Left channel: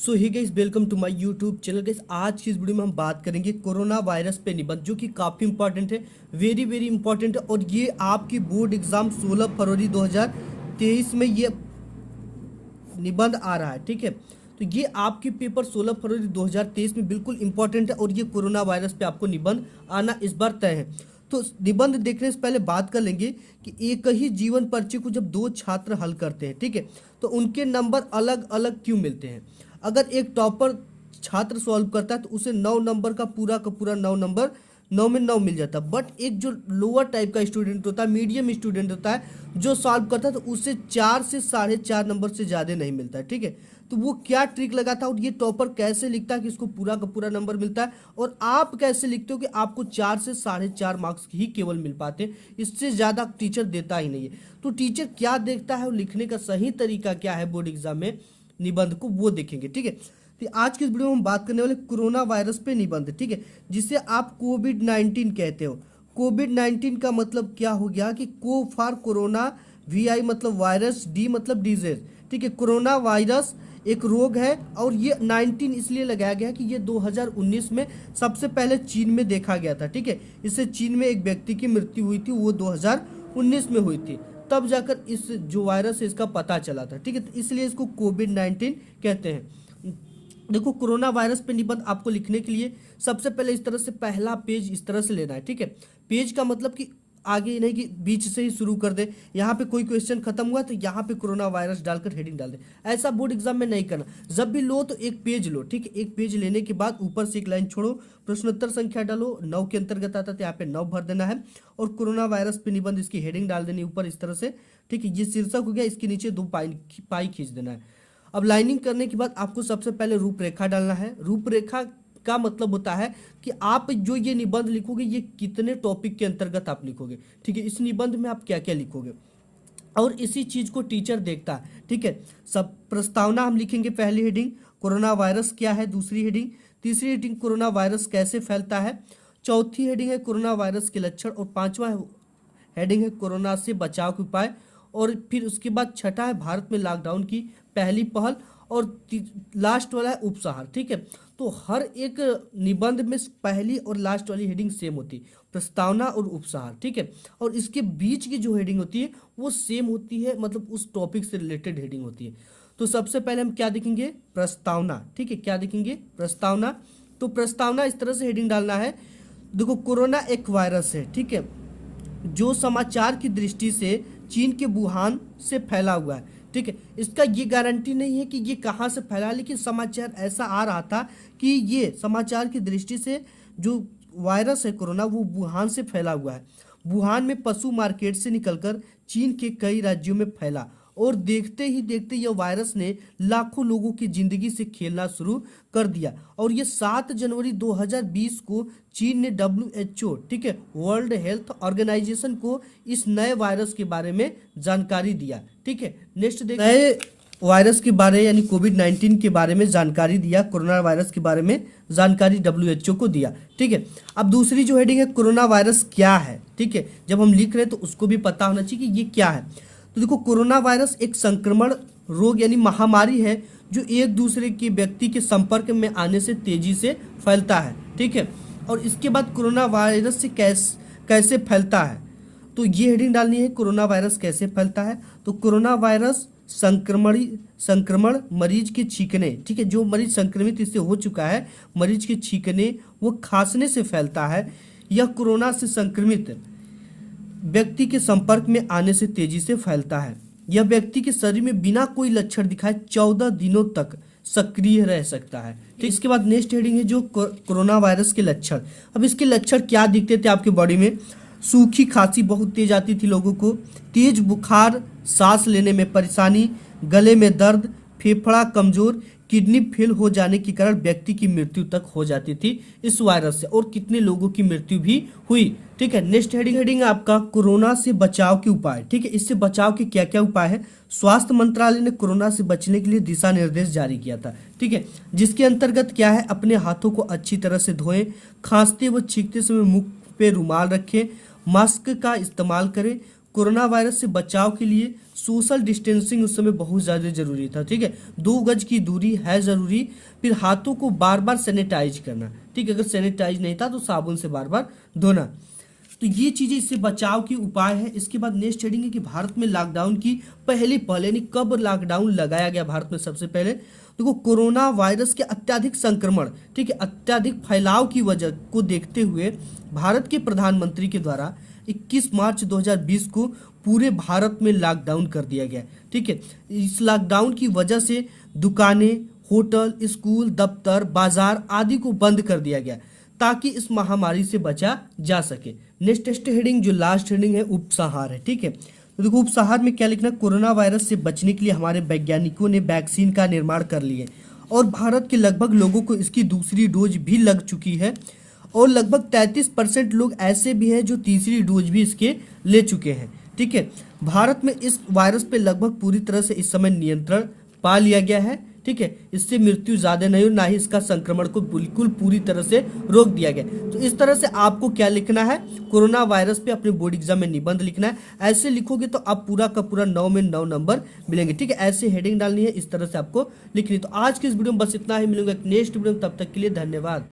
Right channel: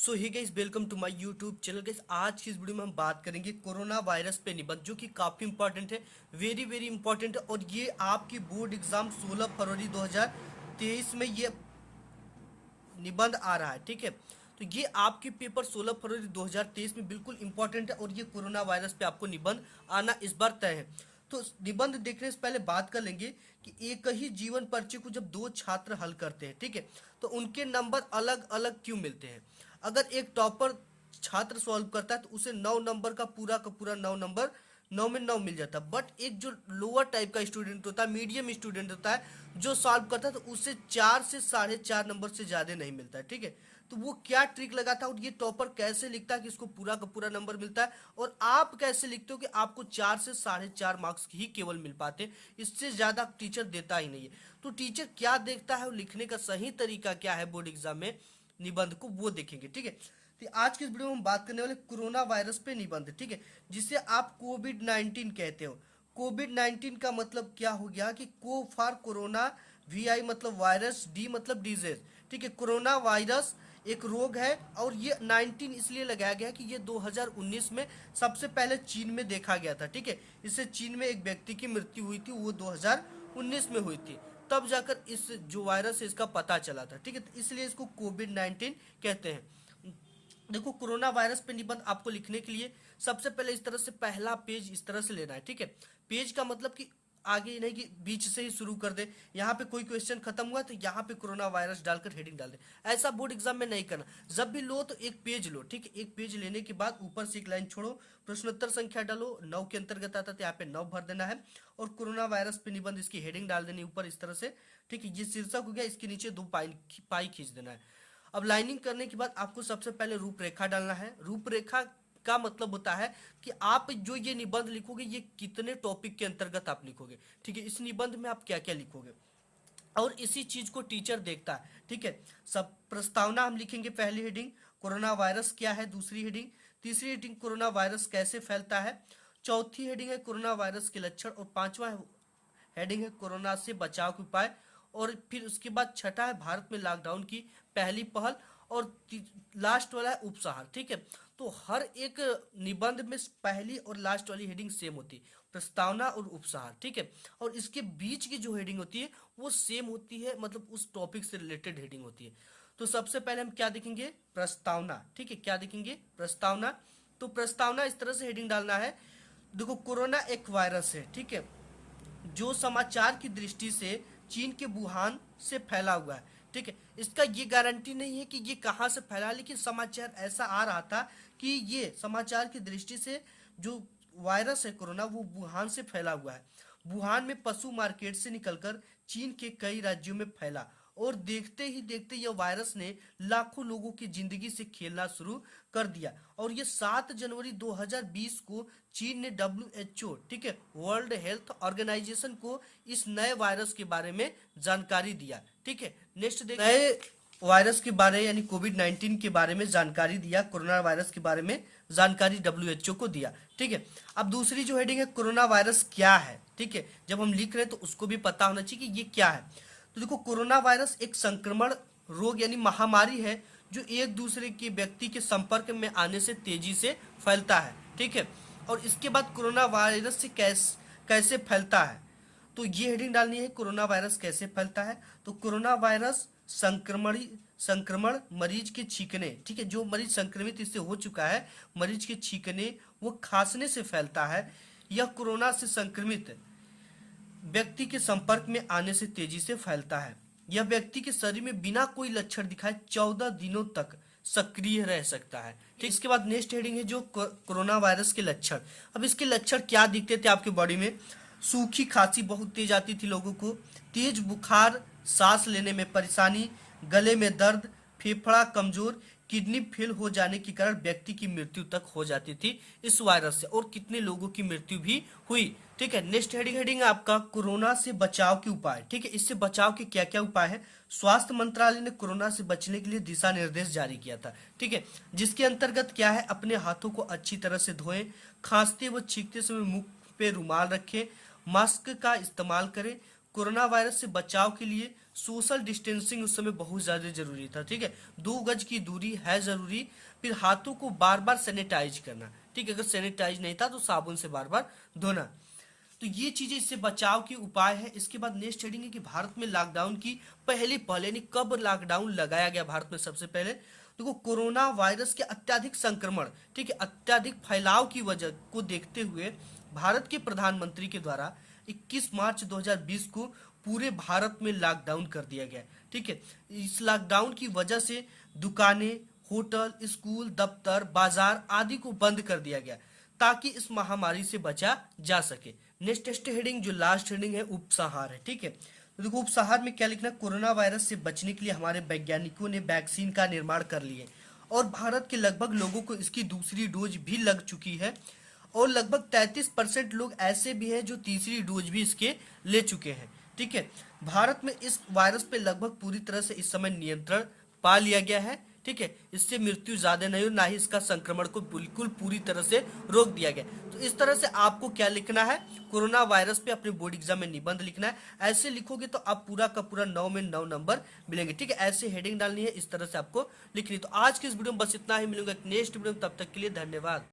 So hi guys, welcome to my YouTube channel. Guys, आज की इस वीडियो में हम बात करेंगे कोरोना वायरस पे निबंध, जो कि काफ़ी इंपॉर्टेंट है, वेरी वेरी इंपॉर्टेंट है। और ये आपकी बोर्ड एग्जाम 16 फरवरी 2023 में ये निबंध आ रहा है। ठीक है, तो ये आपके पेपर 16 फरवरी 2023 में बिल्कुल इंपॉर्टेंट है और ये कोरोना वायरस पे आपको निबंध आना इस बार तय है। तो निबंध देखने से पहले बात कर लेंगे कि एक ही जीवन पर्ची को जब दो छात्र हल करते हैं, ठीक है, तो उनके नंबर अलग अलग क्यों मिलते हैं। अगर एक टॉपर छात्र सॉल्व करता है तो उसे 9 नंबर का पूरा 9 नंबर 9 में 9 मिल जाता है। बट एक जो लोअर टाइप का स्टूडेंट होता है, मीडियम स्टूडेंट होता है, जो सॉल्व करता है तो उसे 4 से 4.5 नंबर से ज़्यादा नहीं मिलता है। ठीक है, तो वो क्या ट्रिक लगाता है और ये टॉपर कैसे लिखता है कि इसको पूरा का पूरा नंबर मिलता है, और आप कैसे लिखते हो कि आपको 4 से 4.5 मार्क्स ही केवल मिल पाते हैं, इससे ज़्यादा टीचर देता ही नहीं है। तो टीचर क्या देखता है और लिखने का सही तरीका क्या है बोर्ड एग्जाम में निबंध को, वो देखेंगे। ठीक है, तो आज की इस वीडियो में हम बात करने वाले कोरोना वायरस पे निबंध, ठीक है, जिसे आप कोविड-19 कहते हो। कोविड-19 का मतलब क्या हो गया कि को फॉर कोरोना, VI मतलब वायरस, डी मतलब डिजीज। ठीक है, कोरोना वायरस एक रोग है और ये 19 इसलिए लगाया गया कि ये 2019 में सबसे पहले चीन में देखा गया था। ठीक है, इससे चीन में एक व्यक्ति की मृत्यु हुई थी, वो 2019 में हुई थी, तब जाकर इस जो वायरस है इसका पता चला था। ठीक है, तो इसलिए इसको कोविड-19 कहते हैं। देखो, कोरोना वायरस पे निबंध आपको लिखने के लिए सबसे पहले इस तरह से पहला पेज इस तरह से लेना है। ठीक है, पेज का मतलब कि आगे नहीं कि बीच से ही शुरू कर दे, यहाँ पे कोई क्वेश्चन खत्म हुआ तो यहाँ पे कोरोना वायरस डालकर हेडिंग डाल दे। ऐसा बोर्ड एग्जाम में नहीं करना। जब भी लो तो एक पेज लो। ठीक है, एक पेज लेने के बाद ऊपर से एक लाइन छोड़ो, प्रश्नोत्तर संख्या डालो, 9 के अंतर्गत आता है, यहाँ पे 9 भर देना है, और कोरोना वायरस पे निबंध इसकी हेडिंग डाल देनी ऊपर इस तरह से। ठीक है, ये शीर्षक हो गया, इसके नीचे 2 पाई खींच देना है। अब लाइनिंग करने के बाद आपको सबसे पहले रूपरेखा डालना है। रूपरेखा का मतलब होता है कि आप जो ये निबंध लिखोगे ये कितने टॉपिक के अंतर्गत आप लिखोगे। ठीक है, इस निबंध में आप क्या क्या लिखोगे, और इसी चीज को टीचर देखता है। ठीक है, सब प्रस्तावना हम लिखेंगे, पहली हेडिंग कोरोना वायरस क्या है, दूसरी हेडिंग, तीसरी हेडिंग कोरोना वायरस कैसे फैलता है, चौथी हेडिंग है कोरोना वायरस के लक्षण, और पांचवा हेडिंग है कोरोना से बचाव के उपाय, और फिर उसके बाद छठा है भारत में लॉकडाउन की पहली पहल, और लास्ट वाला है उपसंहार। ठीक है, तो हर एक निबंध में पहली और लास्ट वाली हेडिंग सेम होती है, प्रस्तावना और उपसंहार। ठीक है, और इसके बीच की जो हेडिंग होती है वो सेम होती है, मतलब उस टॉपिक से रिलेटेड हेडिंग होती है। तो सबसे पहले हम क्या देखेंगे, प्रस्तावना। ठीक है, क्या देखेंगे, प्रस्तावना। तो प्रस्तावना इस तरह से हेडिंग डालना है, देखो कोरोना एक वायरस है, ठीक है, जो समाचार की दृष्टि से चीन के वुहान से फैला हुआ है। ठीक है, इसका ये गारंटी नहीं है कि ये कहाँ से फैला, लेकिन समाचार ऐसा आ रहा था कि ये समाचार की दृष्टि से जो वायरस है कोरोना वो वुहान से फैला हुआ है। वुहान में पशु मार्केट से निकलकर चीन के कई राज्यों में फैला, और देखते ही देखते यह वायरस ने लाखों लोगों की जिंदगी से खेलना शुरू कर दिया। और ये 7 जनवरी 2020 को चीन ने WHO, ठीक है, वर्ल्ड हेल्थ ऑर्गेनाइजेशन को इस नए वायरस के बारे में जानकारी दिया। ठीक है, नेक्स्ट देखिए, नए वायरस के बारे यानी कोविड-19 के बारे में जानकारी दिया, कोरोना वायरस के बारे में जानकारी WHO को दिया। ठीक है, अब दूसरी जो हेडिंग है कोरोना वायरस क्या है। ठीक है, जब हम लिख रहे हैं तो उसको भी पता होना चाहिए कि ये क्या है। तो देखो, कोरोना वायरस एक संक्रमण रोग यानी महामारी है जो एक दूसरे के व्यक्ति के संपर्क में आने से तेजी से फैलता है। ठीक है, और इसके बाद कोरोना वायरस से कैसे फैलता है, तो ये हेडिंग डालनी है, कोरोना वायरस कैसे फैलता है। तो कोरोना वायरस संक्रमण मरीज के छींकने, ठीक है, जो मरीज संक्रमित इससे हो चुका है, मरीज के छींकने वो खांसने से फैलता है। यह कोरोना से संक्रमित व्यक्ति के संपर्क में आने से तेजी से फैलता है। यह व्यक्ति के शरीर में बिना कोई लक्षण दिखाए 14 दिनों तक सक्रिय रह सकता है। ठीक, इसके बाद नेक्स्ट हेडिंग है जो कोरोना वायरस के लक्षण। अब इसके लक्षण क्या दिखते थे आपके बॉडी में, सूखी खांसी बहुत तेज आती थी लोगों को, तेज बुखार, सांस लेने में परेशानी, गले में दर्द, फेफड़ा कमजोर, किडनी फेल हो जाने के कारण व्यक्ति की मृत्यु तक हो जाती थी इस वायरस से, और कितने लोगों की मृत्यु भी हुई। ठीक है, नेक्स्ट हेडिंग है आपका कोरोना से बचाव के उपाय। ठीक है, इससे बचाव के क्या क्या उपाय है। स्वास्थ्य मंत्रालय ने कोरोना से बचने के लिए दिशा निर्देश जारी किया था। ठीक है, जिसके अंतर्गत क्या है, अपने हाथों को अच्छी तरह से धोएं, खांसते व छींकते समय मुंह पे रुमाल रखें, मास्क का इस्तेमाल करें, कोरोना वायरस से बचाव के लिए सोशल डिस्टेंसिंग उस समय बहुत ज़्यादा जरूरी था, ठीक है। 2 गज की दूरी है जरूरी। फिर हाथों को बार बार सैनिटाइज करना, ठीक है। अगर सैनिटाइज नहीं था तो साबुन से बार बार धोना। तो ये चीजें इससे बचाव की उपाय है। इसके बाद नेक्स्ट हेडिंग है कि भारत में लॉकडाउन की पहले यानी कब लॉकडाउन लगाया गया भारत में सबसे पहले। देखो, कोरोना वायरस के अत्यधिक संक्रमण, ठीक है, अत्यधिक फैलाव की वजह को देखते हुए भारत के प्रधानमंत्री के द्वारा 21 मार्च 2020 को पूरे भारत में लॉकडाउन कर दिया गया, ठीक है। इस लॉकडाउन की वजह से दुकानें, होटल, स्कूल, दफ्तर, बाजार आदि को बंद कर दिया गया ताकि इस महामारी से बचा जा सके। नेक्स्ट हेडिंग जो लास्ट हेडिंग है उपसंहार है, ठीक है। तो देखो उपसंहार में क्या लिखना है, कोरोना वायरस से बचने के लिए हमारे वैज्ञानिकों ने वैक्सीन का निर्माण कर लिए और भारत के लगभग लोगों को इसकी दूसरी डोज भी लग चुकी है और लगभग 33% लोग ऐसे भी हैं जो तीसरी डोज भी इसके ले चुके हैं, ठीक है। भारत में इस वायरस पे लगभग पूरी तरह से इस समय नियंत्रण पा लिया गया है, ठीक है। इससे मृत्यु ज्यादा नहीं और ना ही इसका संक्रमण को बिल्कुल पूरी तरह से रोक दिया गया। तो इस तरह से आपको क्या लिखना है, कोरोना वायरस पे अपने बोर्ड एग्जाम में निबंध लिखना है। ऐसे लिखोगे तो आप पूरा का पूरा 9 में 9 नंबर मिलेंगे, ठीक है। ऐसे हेडिंग डालनी है, इस तरह से आपको लिखनी है। तो आज के इस वीडियो में बस इतना ही, मिलूंगा एक नेक्स्ट वीडियो में, तब तक के लिए धन्यवाद।